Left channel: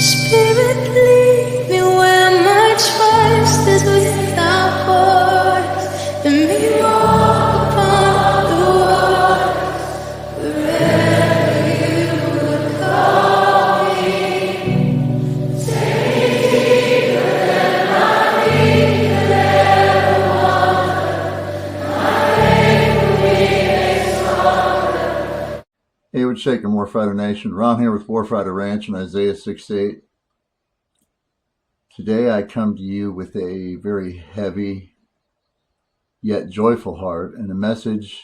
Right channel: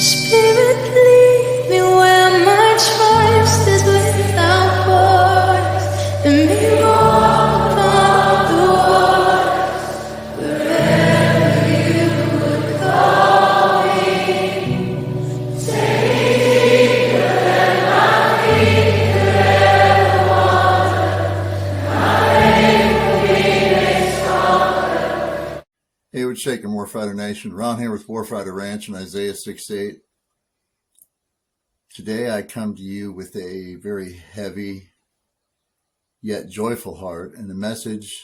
Spirit, lead me where my trust is without borders. Let me walk upon the waters wherever you would call me. Savior, and I need you ever water. My faith will be made stronger. Hey, what's shaking, Warfighter Nation? Ron here with Warfighter Ranch in Isaiah 6:8. Today I come to you with a very heavy yet joyful heart and a message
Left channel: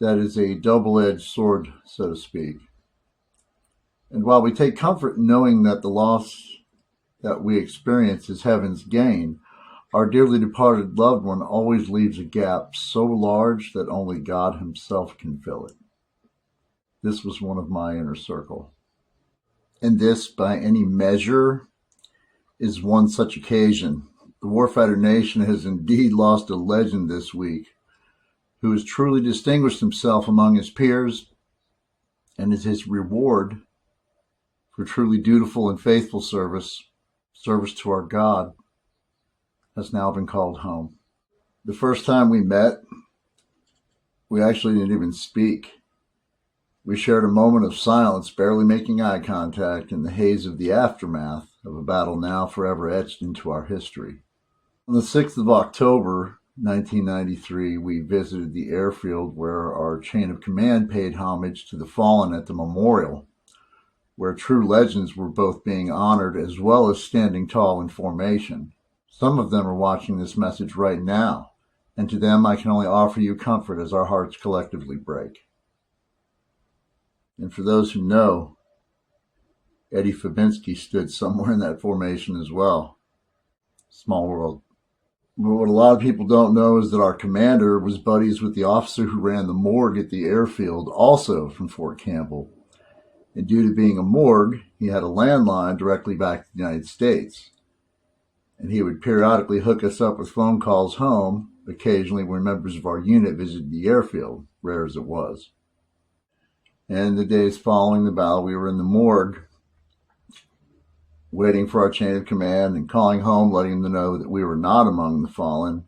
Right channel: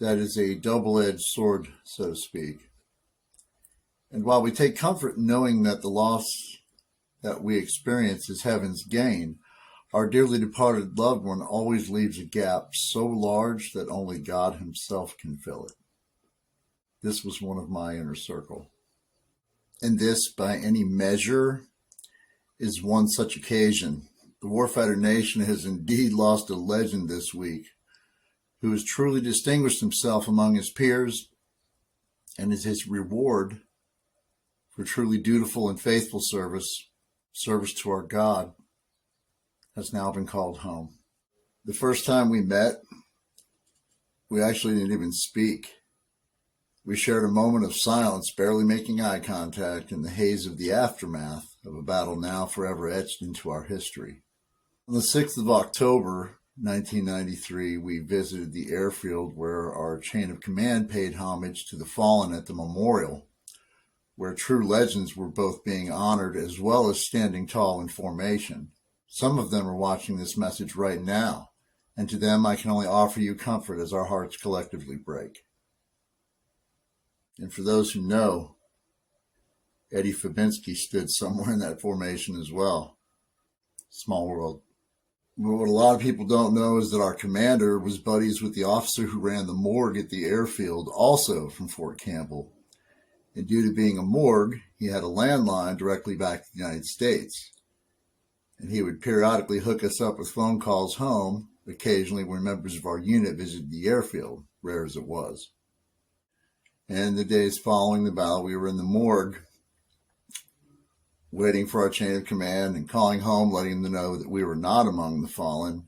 that is a double-edged sword, so to speak. And while we take comfort in knowing that the loss that we experience is heaven's gain, our dearly departed loved one always leaves a gap so large that only God himself can fill it. This was one of my inner circle. And this, by any measure, is one such occasion. The Warfighter Nation has indeed lost a legend this week who has truly distinguished himself among his peers, and as his reward for truly dutiful and faithful service to our God, has now been called home. The first time we met, we actually didn't even speak. We shared a moment of silence, barely making eye contact in the haze of the aftermath of a battle now forever etched into our history. On the 6th of October, 1993, we visited the airfield where our chain of command paid homage to the fallen at the memorial, where true legends were both being honored as well as standing tall in formation. Some of them are watching this message right now, and to them I can only offer you comfort as our hearts collectively break. And for those who know, Eddie Fabinski stood somewhere in that formation as well. Small world. But what a lot of people don't know is that our commander was buddies with the officer who ran the morgue at the airfield, also from Fort Campbell. And due to being a morgue, he had a landline directly back to the United States. And he would periodically hook us up with phone calls home, occasionally when members of our unit visited the airfield, rare as it was. And the days following the battle, we were in the morgue, waiting for our chain of command and calling home, letting them know that we were not among the fallen.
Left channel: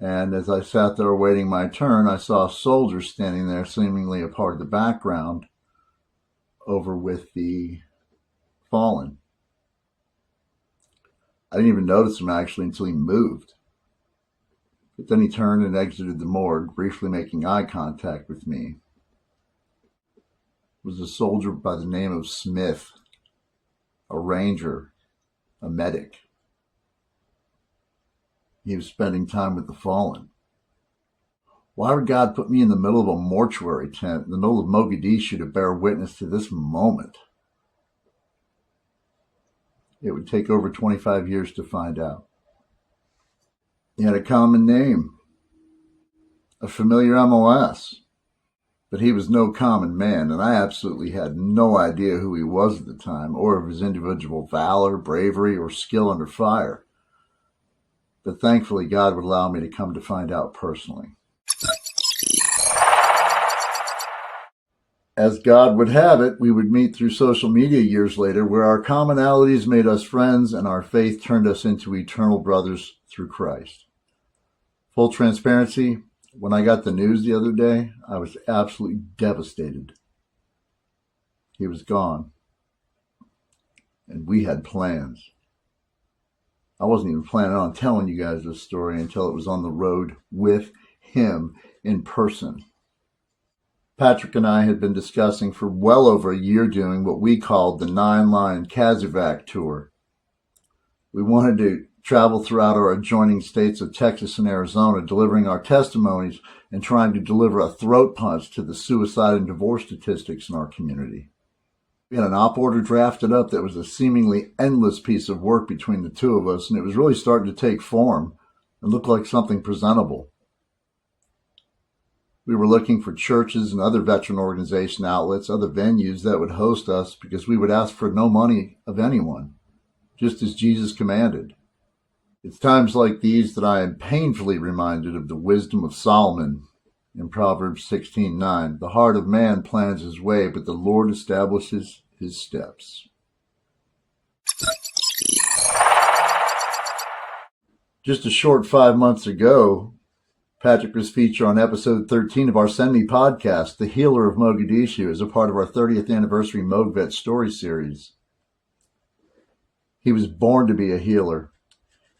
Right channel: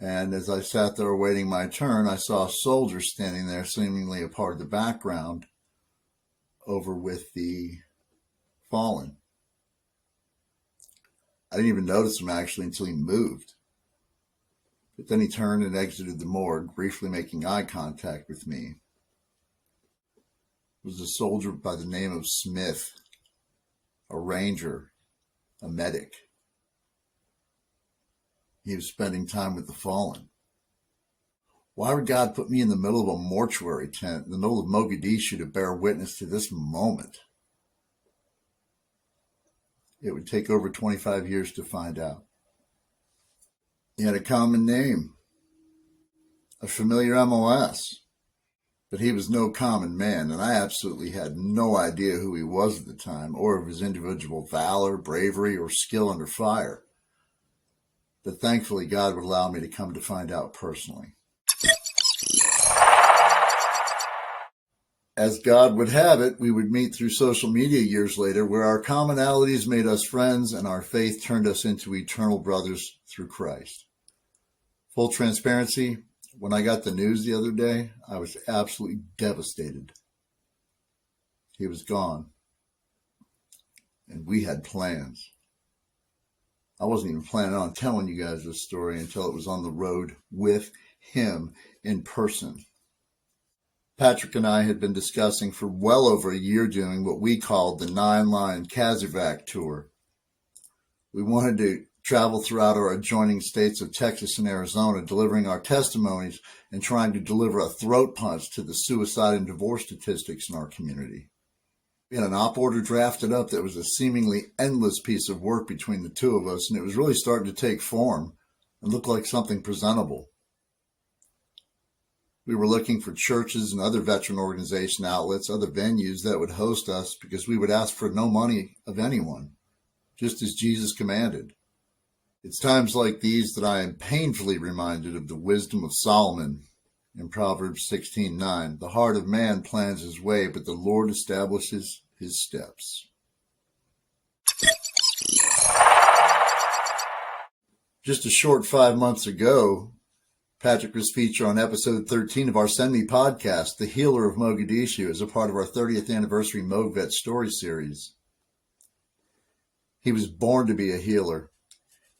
And as I sat there awaiting my turn, I saw a soldier standing there, seemingly a part of the background, over with the fallen. I didn't even notice him actually until he moved. But then he turned and exited the morgue, briefly making eye contact with me. It was a soldier by the name of Smith, a ranger, a medic. He was spending time with the fallen. Why would God put me in the middle of a mortuary tent in the middle of Mogadishu to bear witness to this moment? It would take over 25 years to find out. He had a common name, a familiar MOS. But he was no common man, and I absolutely had no idea who he was at the time, or of his individual valor, bravery, or skill under fire. But thankfully, God would allow me to come to find out personally. As God would have it, we would meet through social media years later, where our commonalities made us friends and our faith turned us into eternal brothers through Christ. Full transparency, when I got the news the other day, I was absolutely devastated. He was gone. And we had plans. I wasn't even planning on telling you guys this story until it was on the road with him in person. Patrick and I had been discussing for well over a year doing what we called the Nine Line Kazarvac Tour. We wanted to travel throughout our adjoining states of Texas and Arizona, delivering our testimonies and trying to deliver a throat punch to the suicide and divorce statistics in our community. We had an op order drafted up that was a seemingly endless piece of work between the two of us, and it was really starting to take form and look like something presentable. We were looking for churches and other veteran organization outlets, other venues that would host us, because we would ask for no money of anyone, just as Jesus commanded. It's times like these that I am painfully reminded of the wisdom of Solomon in Proverbs 16:9. The heart of man plans his way, but the Lord establishes his steps. Just a short 5 months ago, Patrick was featured on episode 13 of our Send Me podcast, The Healer of Mogadishu, as a part of our 30th anniversary Mogvet story series. He was born to be a healer.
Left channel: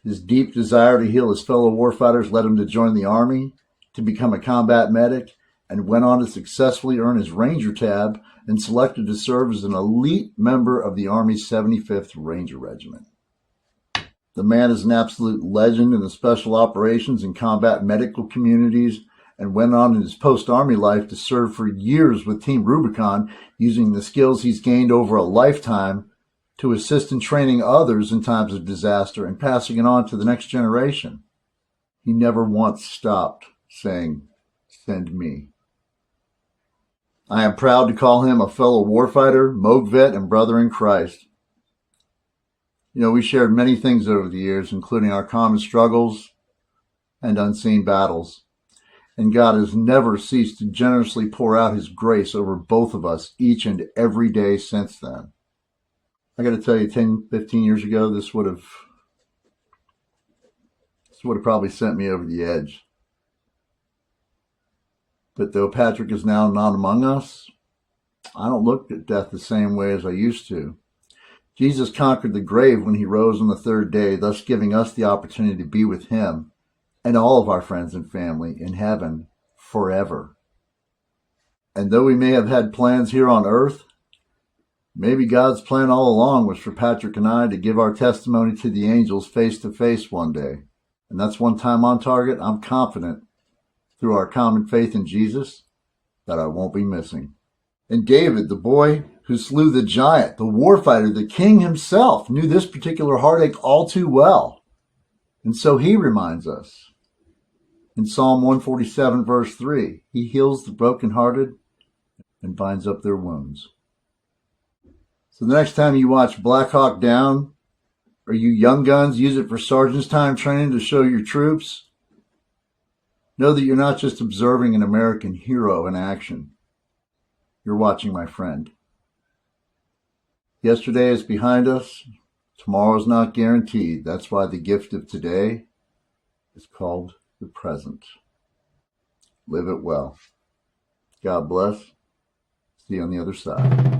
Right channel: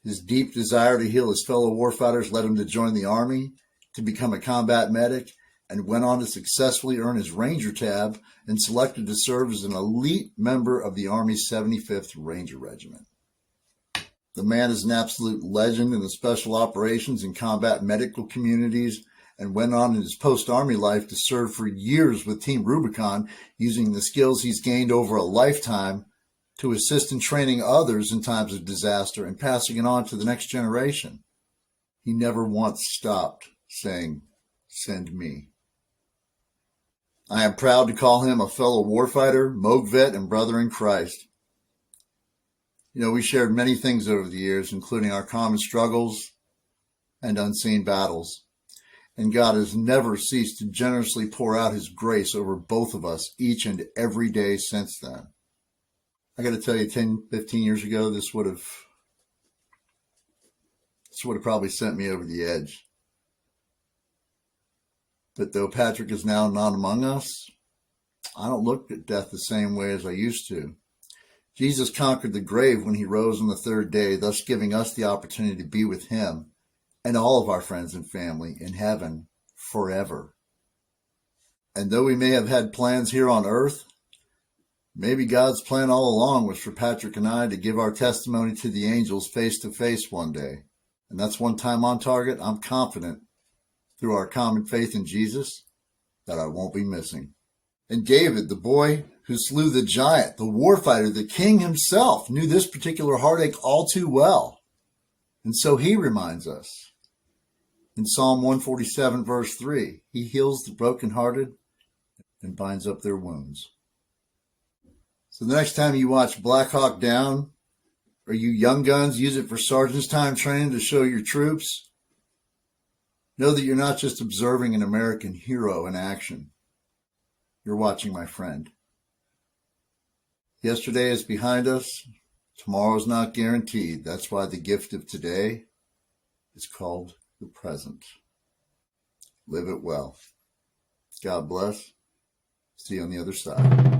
His deep desire to heal his fellow warfighters led him to join the Army, to become a combat medic, and went on to successfully earn his Ranger tab and selected to serve as an elite member of the Army's 75th Ranger Regiment. The man is an absolute legend in the special operations and combat medical communities and went on in his post-Army life to serve for years with Team Rubicon, using the skills he's gained over a lifetime to assist in training others in times of disaster and passing it on to the next generation. He never once stopped saying, "Send me." I am proud to call him a fellow warfighter, Mogvet, and brother in Christ. You know, we shared many things over the years, including our common struggles and unseen battles. And God has never ceased to generously pour out his grace over both of us each and every day since then. I got to tell you, 10, 15 years ago, this would have probably sent me over the edge. But though Patrick is now not among us, I don't look at death the same way as I used to. Jesus conquered the grave when he rose on the third day, thus giving us the opportunity to be with him and all of our friends and family in heaven forever. And though we may have had plans here on earth, maybe God's plan all along was for Patrick and I to give our testimony to the angels face to face one day. And that's one time on target I'm confident, through our common faith in Jesus, that I won't be missing. And David, the boy who slew the giant, the warfighter, the king himself, knew this particular heartache all too well. And so he reminds us in Psalm 147, verse 3, he heals the brokenhearted and binds up their wounds. So the next time you watch Black Hawk Down, or you young guns use it for sergeant's time training to show your troops, know that you're not just observing an American hero in action. You're watching my friend. Yesterday is behind us. Tomorrow's not guaranteed. That's why the gift of today is called the present. Live it well. God bless. See you on the other side.